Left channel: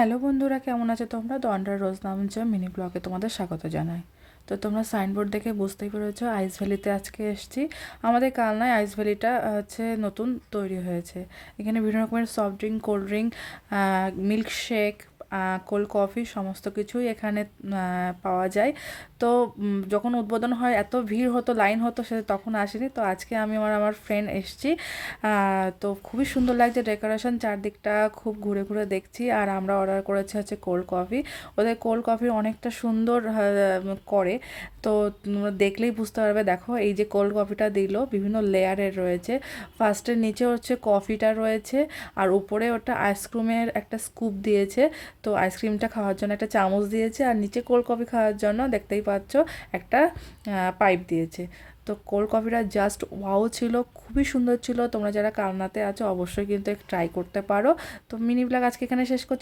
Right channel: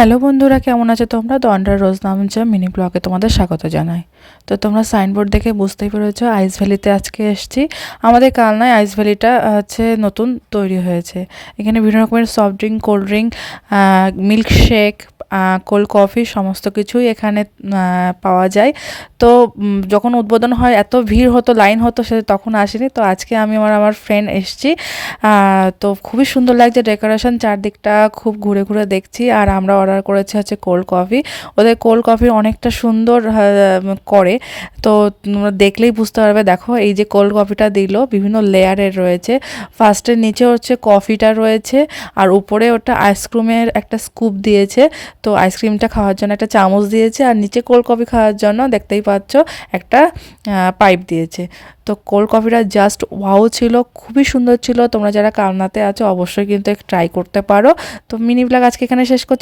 Hello বন্ধুরা, কেমন আছো তোমরা? দন্ডার রোজ নামছে মিনি ব্লগে তোমাদের স্বাগত জানাই। তো তোমরা সাইনবোর্ড দেখে বুঝতেই পেরেছো আইস ভ্যালিতে আজকে এসেছি। আমাদের কালনায় আইস ভ্যালিটা হচ্ছে নতুন তৈরি হয়েছে। এখানে বিভিন্ন রকমের soft drink, cold drink, milkshake, cold coffee সমস্ত কিছুই এখানে পাওয়া যায়। তো যখন উদ্বোধন হয় এত ভিড় হতো, লাইন হতো, সে তখন আসেনি। তো আজকে আমি আমার ফ্রেন্ড এসেছি। তো খুবই সুন্দর লাগছে ডেকোরেশন, চারদিকটা খুব ঘুরে ঘুরে দেখছি। আর আমরা অর্ডার করেছি হচ্ছে কোল্ড কফি। ওদের কোল্ড কফি অনেকটা সুন্দর করে। তো তোমরা দেখলেই বুঝতে পারবে। দেখো এই যে কোল্ড কফিটা দিল বিভিন্ন লেয়ারের রয়েছে। ফার্স্টে নিচে হচ্ছে কফিটা রয়েছে, আর উপরে ওটা আইসক্রিমের একটা স্কুপ দিয়েছে। তো আইসক্রিমটা খাওয়ার জন্য একটা চামচ দিয়েছে, আর নিচে কোল্ড কফি খাওয়ার জন্য দেখতেই পাচ্ছ একটা পাইপ দিয়েছে। তো কোল্ড কফিটা জাস্ট ওয়াও ছিল, খুবই সুন্দর ছিল। তোমরা যারা কালনাতে আছো অবশ্যই কিন্তু ট্রাই করতে পারো। তো মিনি ব্লগ আজকে এখানে শেষ করছি।